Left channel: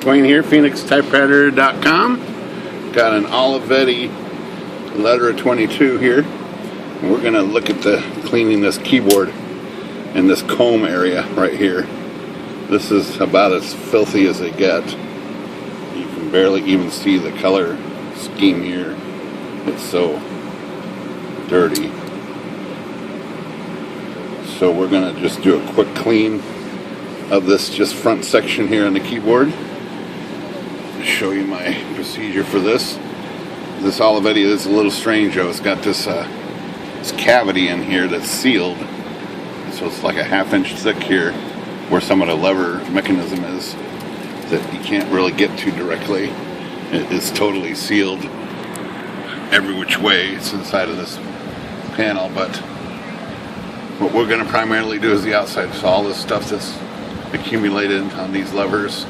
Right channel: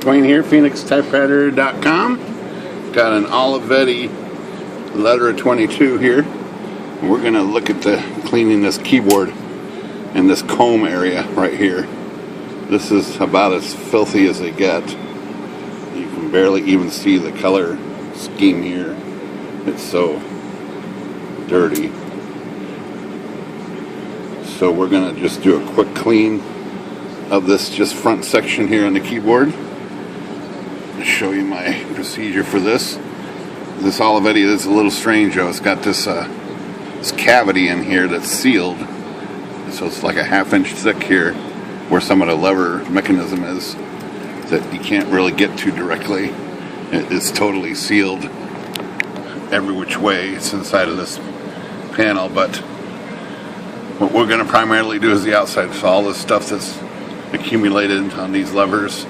Dwayne here, PhoenixTypewriter.com. Got an Olivetti Lettera 22 here. And we're going to look at cleaning this keyboard and this comb area right here. This is about as filthy as they get. You can barely even see the color scheme here. It's so dirty. So we're going to just do a quick clean of this just front section here on the keyboard. I'll show you my procedure for this. This Olivetti is a little strange though. It's got this cavity in here that's sealed. So it's like a 1/2 inch thick here where some of the lever mechanism is that you can't really get to directly. It is totally sealed every which way. It's inside of this panel, but what we're going to primarily do is the outside. So all this stuff that's accumulated on these levers,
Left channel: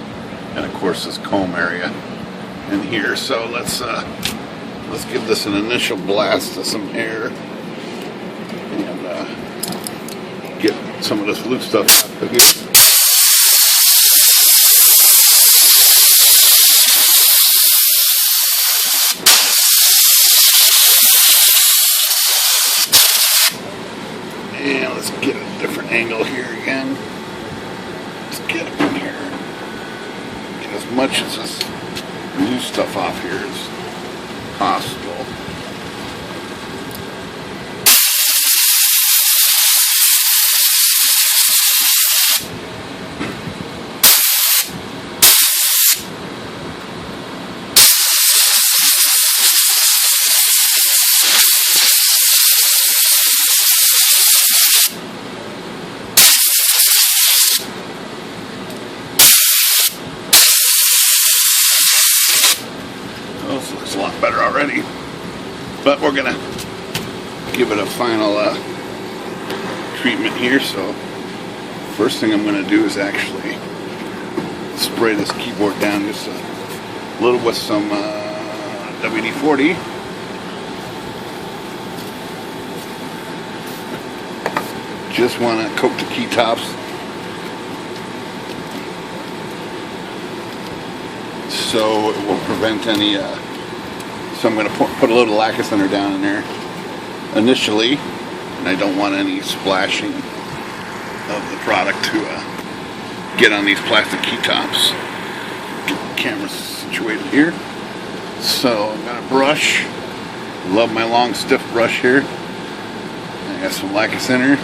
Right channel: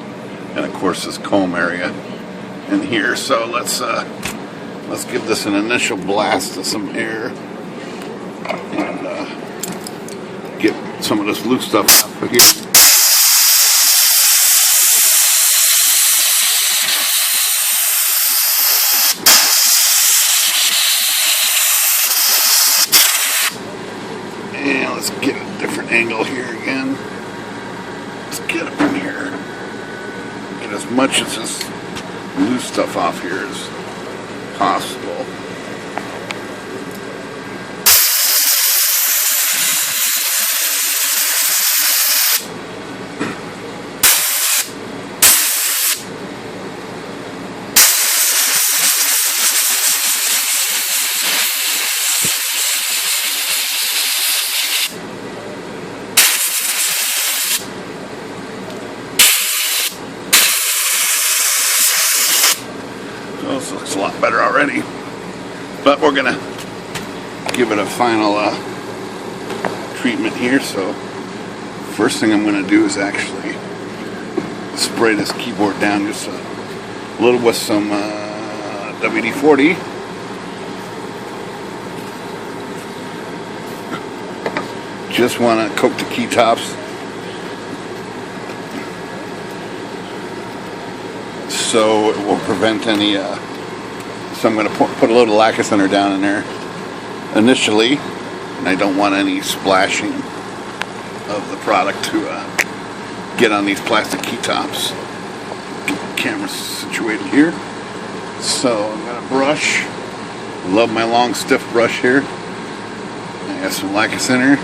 and of course this comb area in here. So let's give this an initial blast of some air and get some of this loose stuff out of here. And let's get a different angle here again. Let's get up in here. Get as much of this loose stuff off here as possible. This looks a lot better already, but we're gonna give it a final treatment here. So first thing I'm gonna do is actually spray this keyboard down just a little with some WD-40. Just want to coat the keytops so it will prevent any so I'm going to put a little lacquer thinner down in there initially, and I don't want any splashing of the product to get on these plastic keytops. Get the camera situated here. So I'm going to brush. Love my long stiff brush here. I got some lacquer thinner,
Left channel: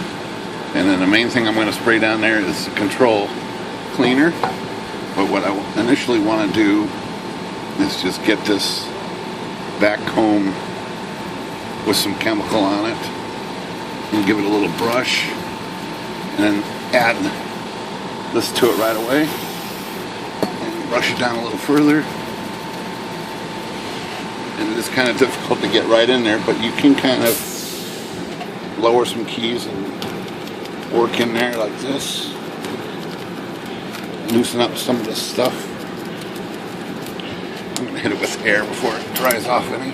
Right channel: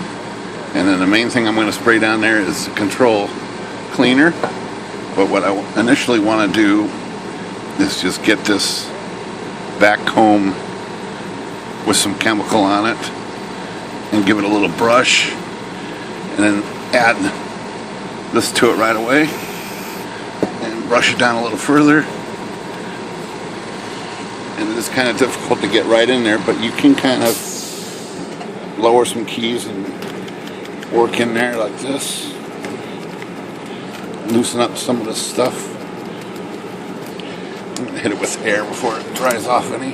and then the main thing I'm going to spray down there is the control cleaner. But what I initially want to do is just get this back comb with some chemical on it and give it a little brush, and then add this to it right away and brush it down a little further. And it is kind of difficult to get right in there, but you can kind of lower some keys and work in there like this. Loosen up some of this stuff. I'm going to hit it with air before it dries off any.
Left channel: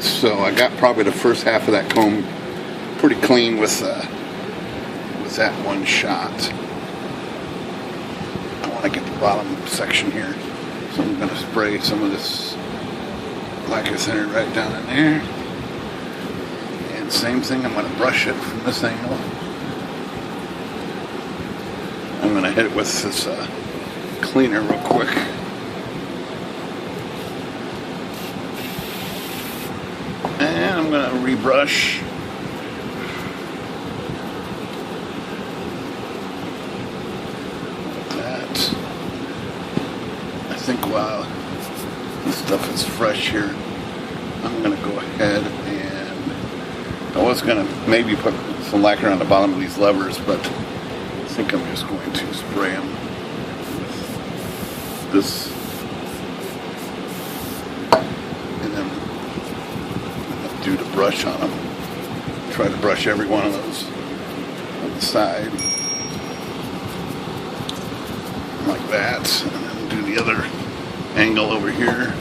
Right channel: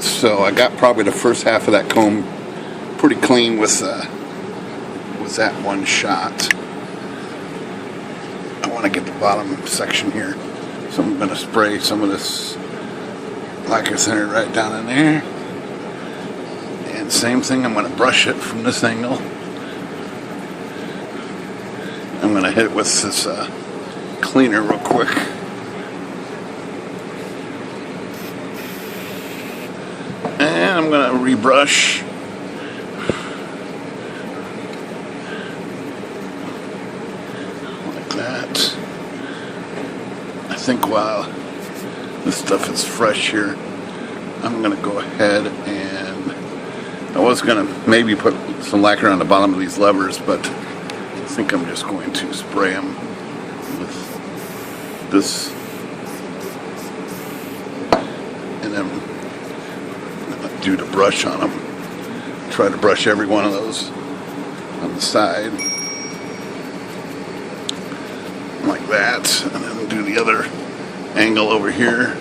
So I got probably the first half of that comb pretty clean with that one shot. I want to get the bottom section here. So I'm going to spray some of this lacquer thinner right down in there. And same thing, I'm going to brush it from this angle. I'm going to hit it with this cleaner real quick. And I'm going to rebrush. Like that. I think while this stuff is fresh here, I'm going to go ahead and I was going to maybe put some lacquer on the bottom of these levers, but I think I'm just going to spray them with this, and then do the brush on them. Try to brush every one of those on the side, like that, and then do the other angle over here,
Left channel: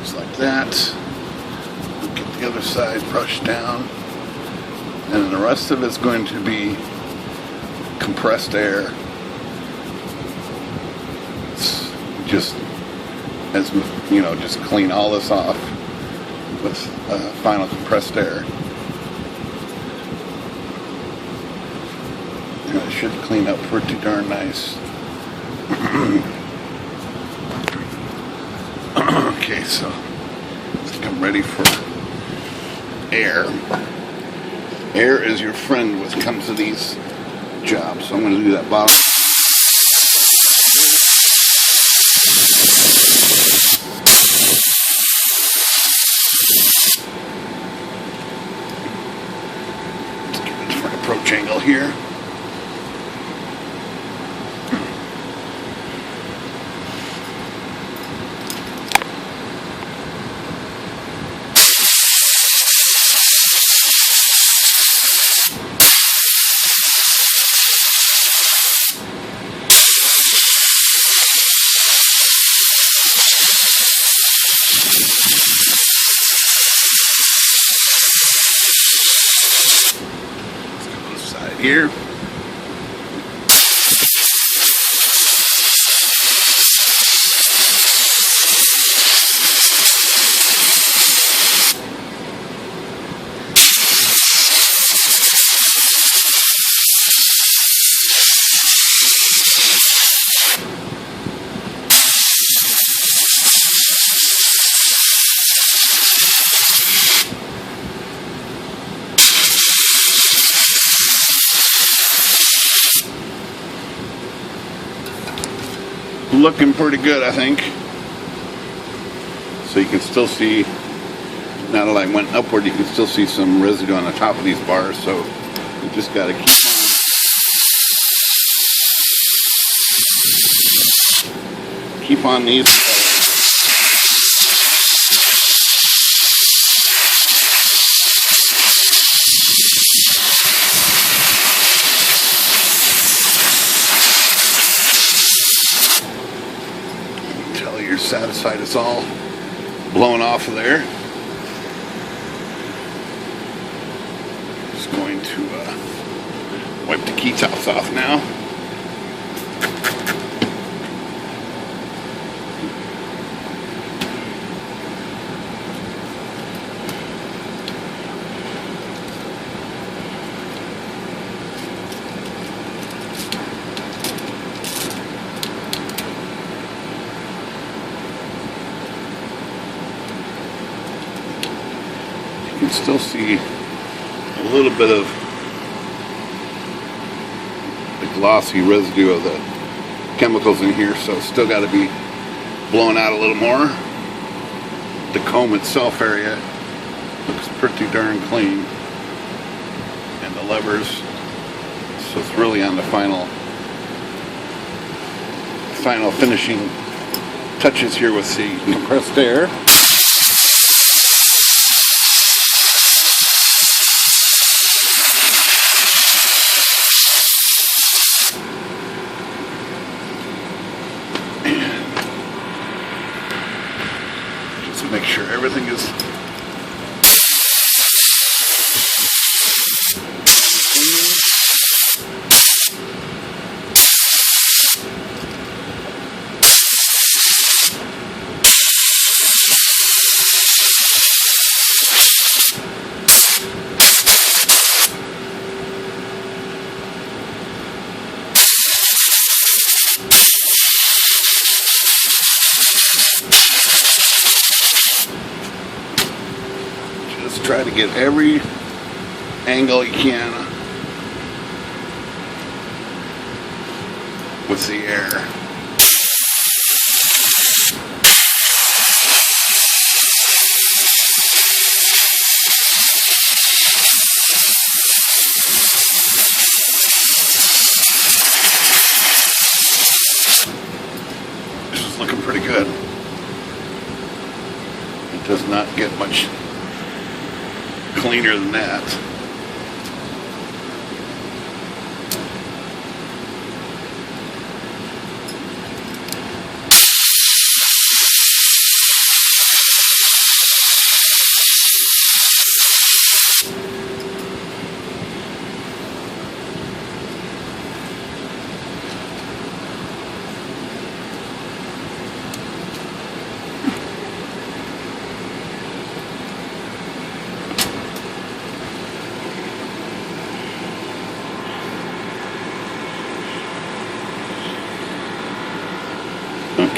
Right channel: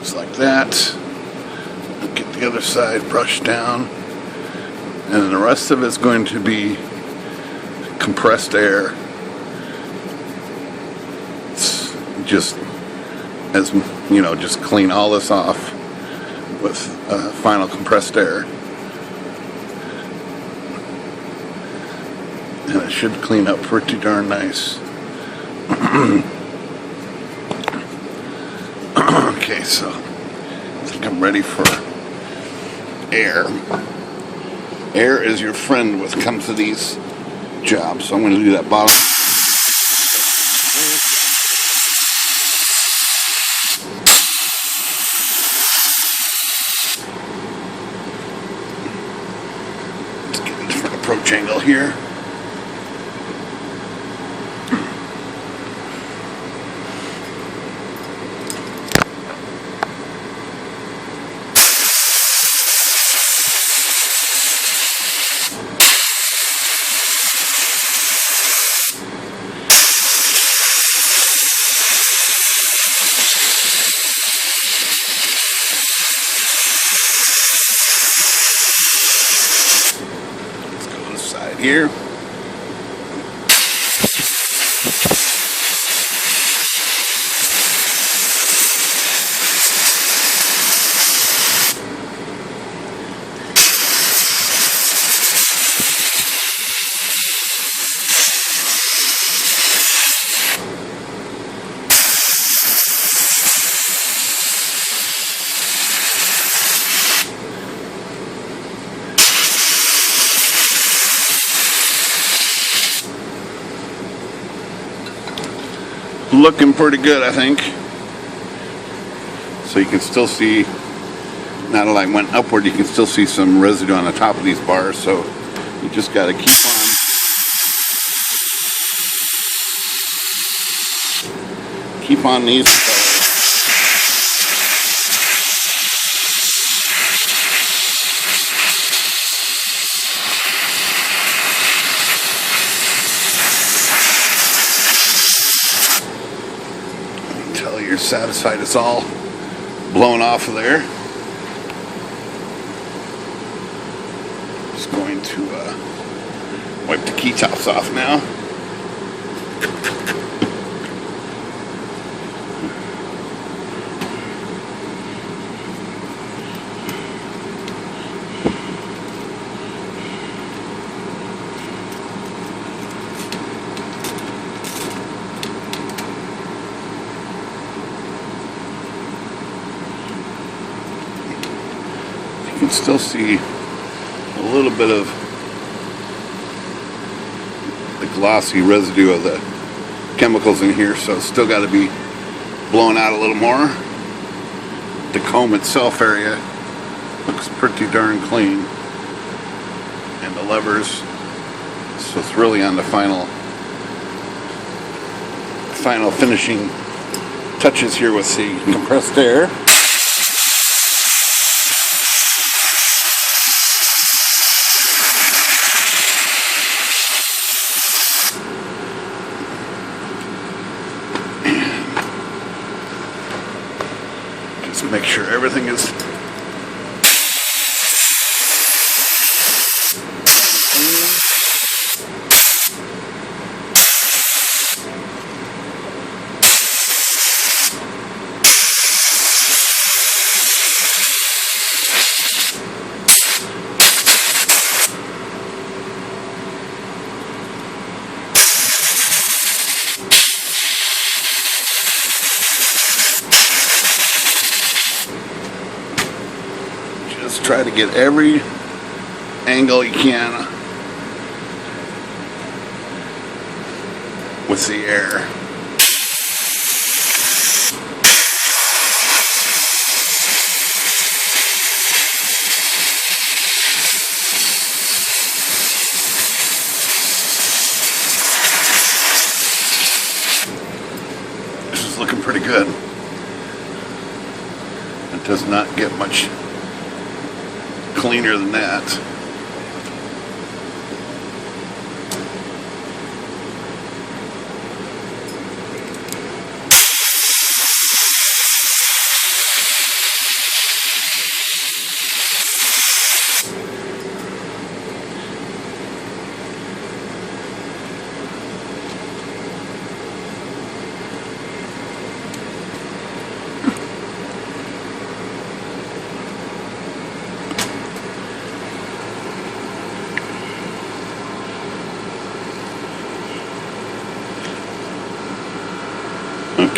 just like that. Get the other side brushed down. And the rest of it's going to be compressed air. It's just, as you know, just clean all this off with final compressed air. And it should clean up pretty darn nice. Okay, so I think I'm ready for air. Air is your friend when it comes to these jobs. So I'm going to do that bottom. Let's get a different approach angle here. Here. Looking pretty good, I think. So you can still see, now that I went upward, you can still see some residue on the top of these bars. So you just got to keep on these. Until you're satisfied it's all blown off of there. Just going to wipe the key tops off now. You can still see a little bit of the glossy residue of the chemicals in here, so it's still got to be blown out a little more. The comb itself area looks pretty darn clean, and the levers, so it's really on the final finishing touches here with the compressed air. Make sure everything is try to get every angle you can with the air. This is looking pretty good. It does not get much cleaner than that.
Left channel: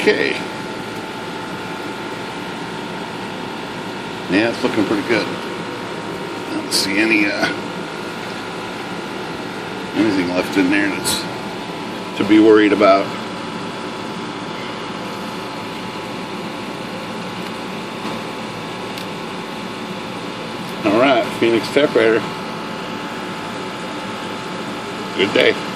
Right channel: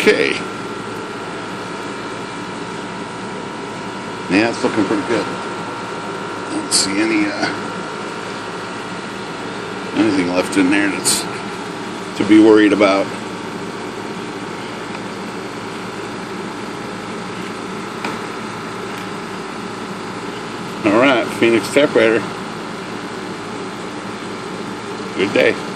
Okay. Yeah, it's looking pretty good. I don't see anything left in there that's to be worried about. All right, Phoenix Typewriter. Good day.